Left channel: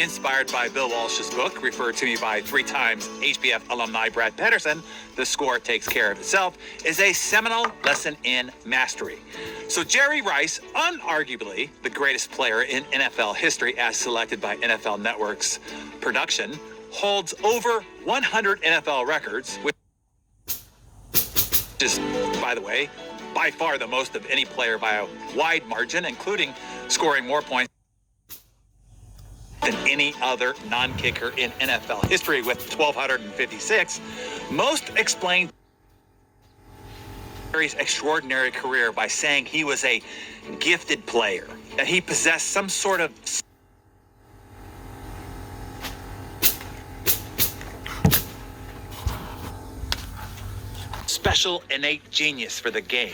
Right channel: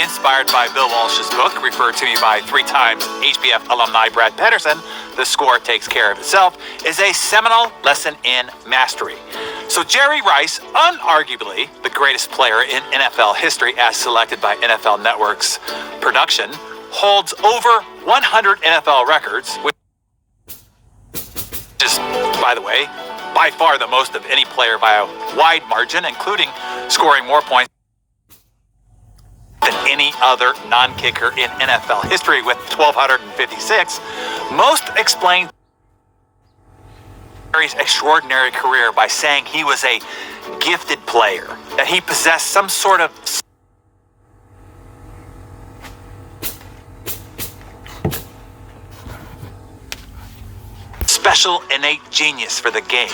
inspired by Bill Walsh's book, referred to me by 3 times HBF alumni Brad Pedersen, The Score Takes Care of Itself, is a seminal lesson in mastery. So Jerry Rice, unarguably the greatest player in NFL history as selected by NFL Network's production, holds over 100 NFL records, which is, by the way, by far the most of any player by a wide margin, including scoring more points than any other non-kicker in NFL history with 1,256. Most explain Jerry's extraordinary career by saying he was a gifted player, that he possessed some sort of special innate genius for the game.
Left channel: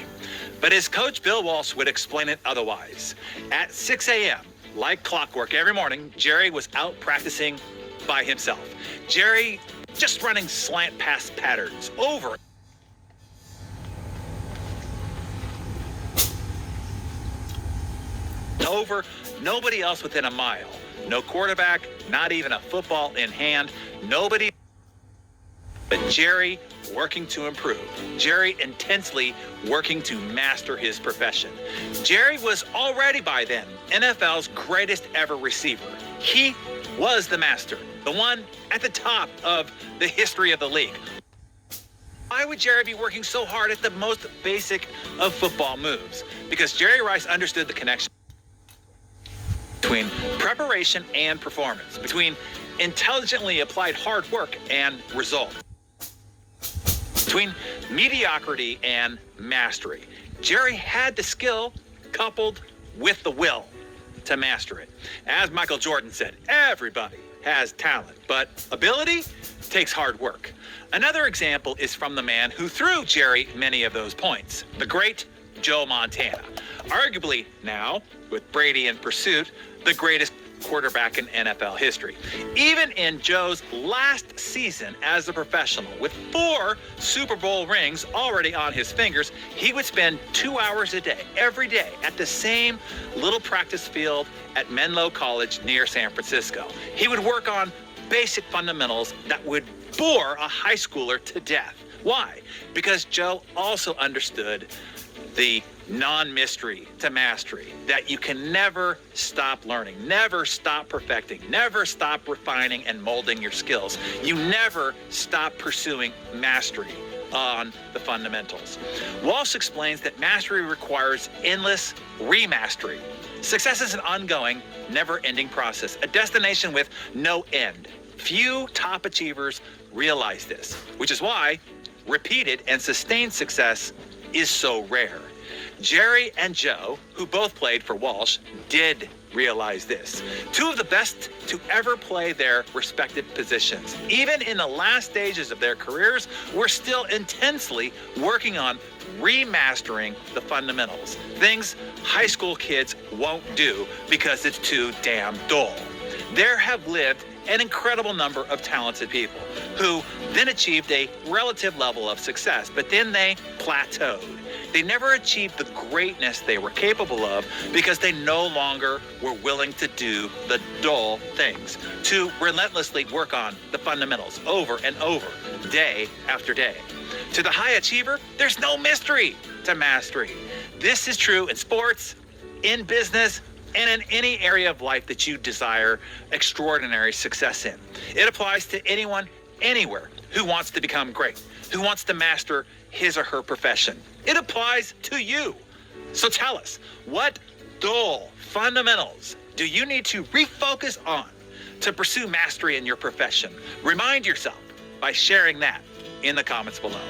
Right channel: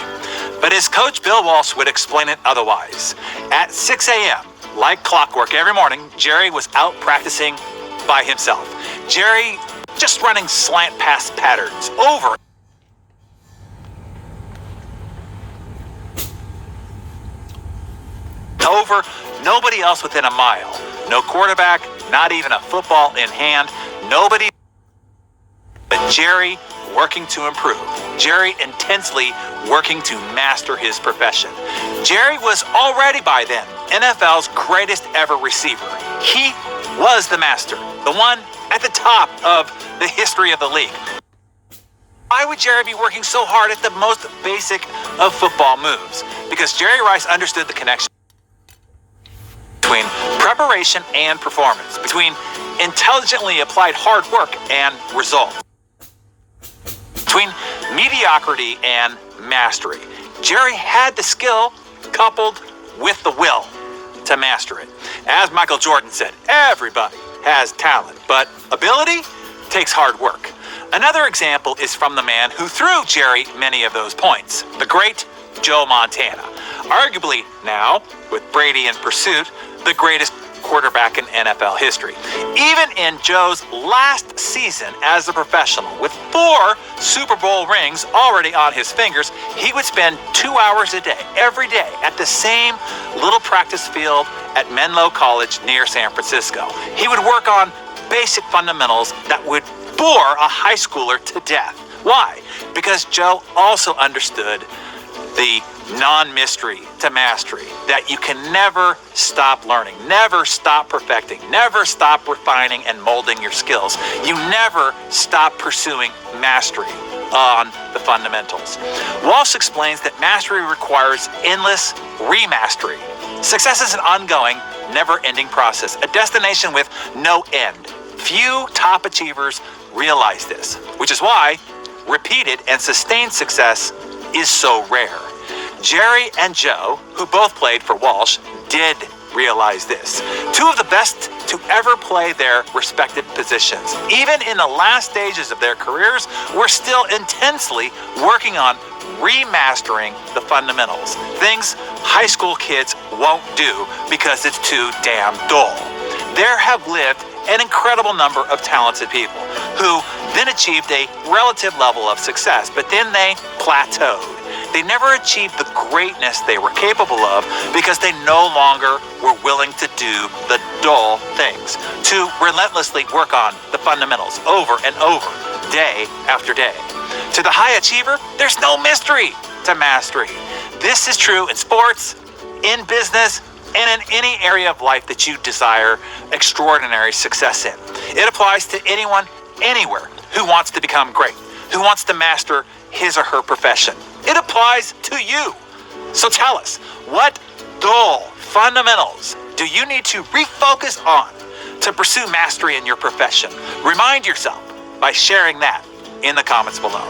But his coach Bill Walsh would explain it otherwise. At 6 a.m., like clockwork every morning, Jerry was out practicing by himself. Jerry just running slant pass patterns over nobody else within a mile. No quarterback, not even a football in hand, nobody but Jerry working to improve. Jerry intensely working to master his profession. Jerry was already by then NFL's greatest ever receiver. He was the master, the one at the top of the history of the league. Why would Jerry be working so hard at the most basic of football moves? Because Jerry Rice understood the connection between preparation and performance, between intelligently applied hard work and results, between mediocrity and mastery. Jerry had the skill coupled with the will to master it. As Michael Jordan said, everybody has talent, but ability takes hard work. Another example is from the man who threw Jerry many of those points, the great Joe Montana. Arguably now, with Brady in pursuit, the greatest quarterback in NFL history. Even in Joe's last season as a professional, with 4 Super Bowl rings already on his fingers, he would spend 2 hours a day, every day, at the same little practice field at Menlo College near San Francisco. He would work on basic fundamentals that would bore a high schooler to death. Why? Because Joe also understood the non-mystery to mastery, that you can never stop learning, never stop perfecting, never stop refining and molding your skills. You never stop pursuing mastery on the fundamentals. Walsh explains that mastery requires endless remastery. Success is an ongoing, never-ending process, a destination with no end. Few top achievers realize this, which is why repeated and sustained success is so rare. Jerry and Joe, who both played for Walsh, did realize this. 2 of the best to ever play their respective positions, even in the last stages of their careers, were still intensely working on remastering the fundamentals, things high school kids won't do because it's too damn dull. There have lived an incredible number of talented people who then achieved a relative level of success, but then they plateaued. They never achieved the greatness they were capable of because they no longer were willing to do the dull things, to relentlessly work on the fundamentals over and over, day after day. To the high achiever, there's no mystery to mastery. This is true in sports, in business, and in any area of life that you desire extraordinary success in. It applies to anyone, anywhere, who wants to become great, who wants to master his or her profession. It applies to you. So tell us, what dull fundamentals do you need to refocus on to pursue mastery in your profession? Remind yourself by sharing that in the comments below.